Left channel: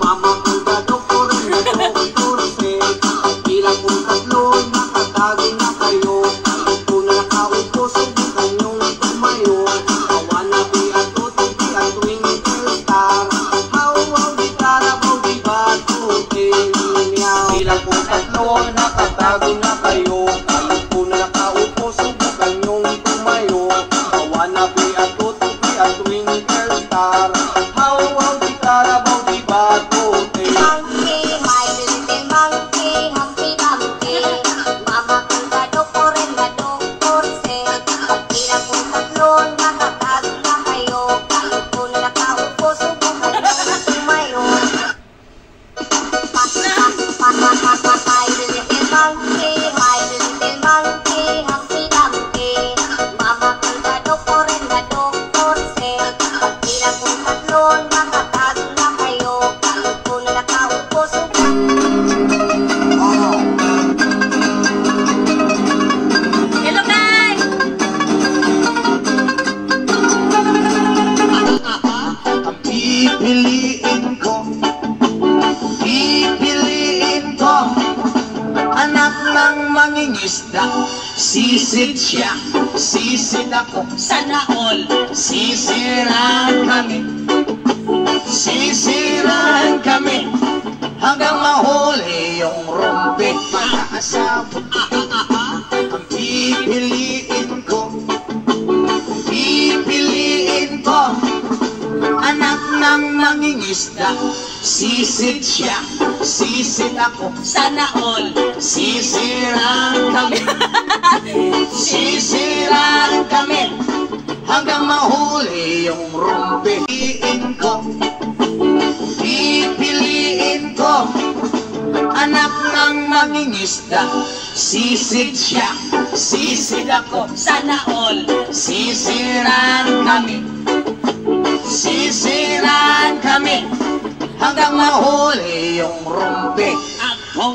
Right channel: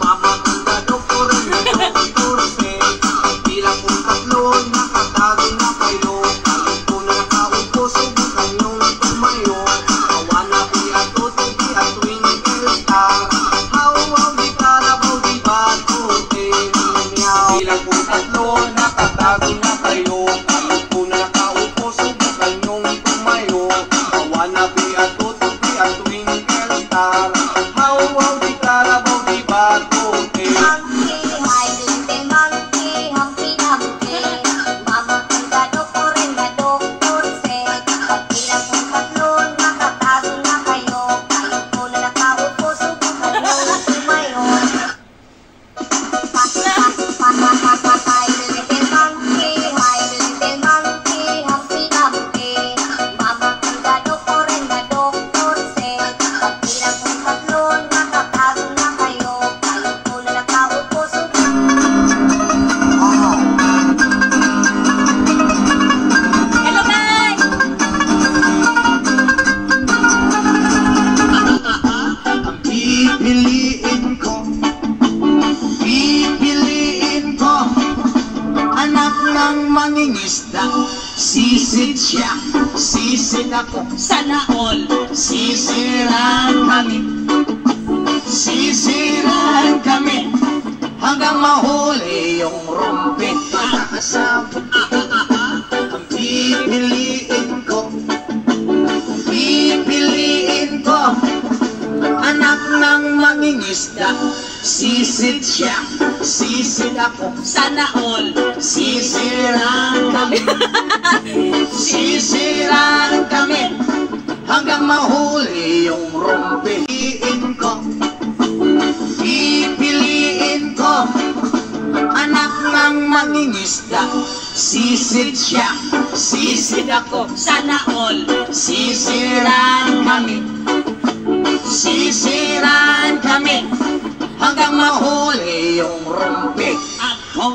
Mama kong kadoktor na doktorse. Bilang kong tatlo, nakatago na kayo. Kahit po na nakaupo, subukan niyong tumayo. Kawanabi at OTP at twinkle star. Haw-haw di karabaw di batutin. Bilang kong tatlo, nakatago na kayo. Kahit po na nakaupo, subukan niyong tumayo. Kawanabi at OTP at twinkle star. Haw-haw di karabaw di batutin. Monkey, my little monkey, Humpty Dumpty. Mama kong kadoktor na doktorse. Bilang kong tatlo, nakatago na kayo. Kahit po na nakaupo, subukan nyo na tumayo. My little monkey, Humpty Dumpty. Mama kong kadoktor na doktorse. Bilang kong tatlo, nakatago na kayo. Kahit po na nakaupo, subukan. Hello, guys! Ang pipiliin ko, anak ng mangingisda. Sisid siya, sisid ako, Sana all. sisiraan kami, hanggang mahuli yung rumpi. Pag-asawa, ang pipiliin ko, anak ng mangingisda. Sisid siya, sisid ako, Sana all. sisiraan kami, hanggang mahuli yung rumpi. Pipiliin ko, anak ng mangingisda. Sisid siya, sisid ako, Sana all. sisiraan kami, hanggang mahuli yung rumpi. Ako